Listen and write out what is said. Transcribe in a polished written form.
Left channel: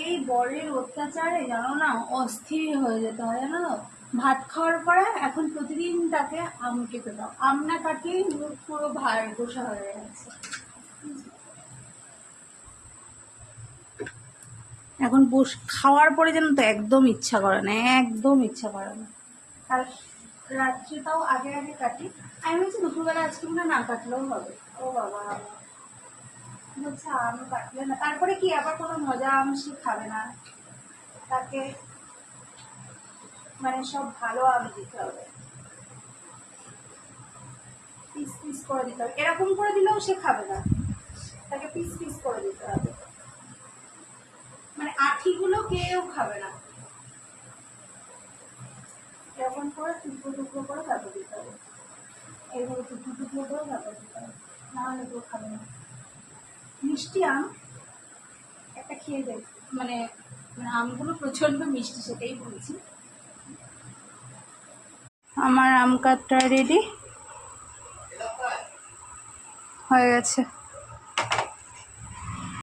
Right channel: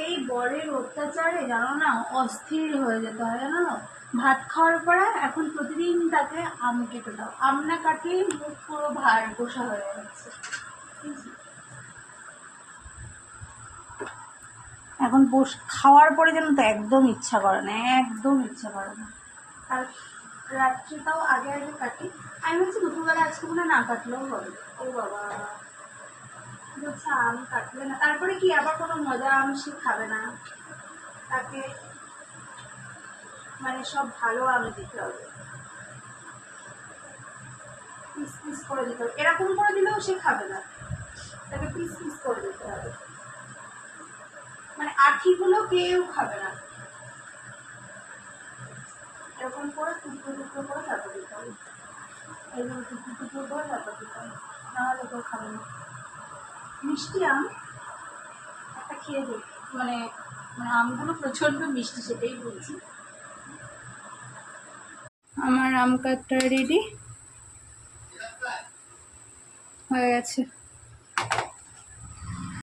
এই বরের অত্যাচারে জানো না অস্থির হয়ে যেতে হয়, জানো না। ভাত খাওয়ার পরে এখন প্রতিদিন তাকে আম কেটে দাও, আম না কাটলে মুখ পুরো ভার বসা হয়ে যাচ্ছে। এখন খাওয়ার পরে যেন তো একদম ইচ্ছা করে না, একদম ইচ্ছা করে না। আর রাত্রিটাও আগে আগে কাটি। আমি বলছি দুপুরবেলা আজকে মনে না কাটলেও হবে। ও বাবা বলছে আম কাটলে না, তারপরে কি আবার কোনো মজা আম সে খাবে না, তাকে মানে সব ভালো আম দিতে হবে, পিস পিস করে দিতে হবে। এরকম করে দিলেও সে খাবে না, তাকে পিস পিস করে দিতে হবে, মানে আঠিগুলো কেউ খাবে না, এরকম করে টুকরো টুকরো করে তারপর দিতে হবে, এইভাবে টুকরো টুকরো করে তারপর দিতে হবে, নাহলে কেউ খাবে না। মিষ্টি আম একটা খেয়ে দেখ, মানে মানে আমগুলো প্রচণ্ড মিষ্টি, সেটাই বলছি। আমার আম কাটটা রেডি হয়ে গেছে।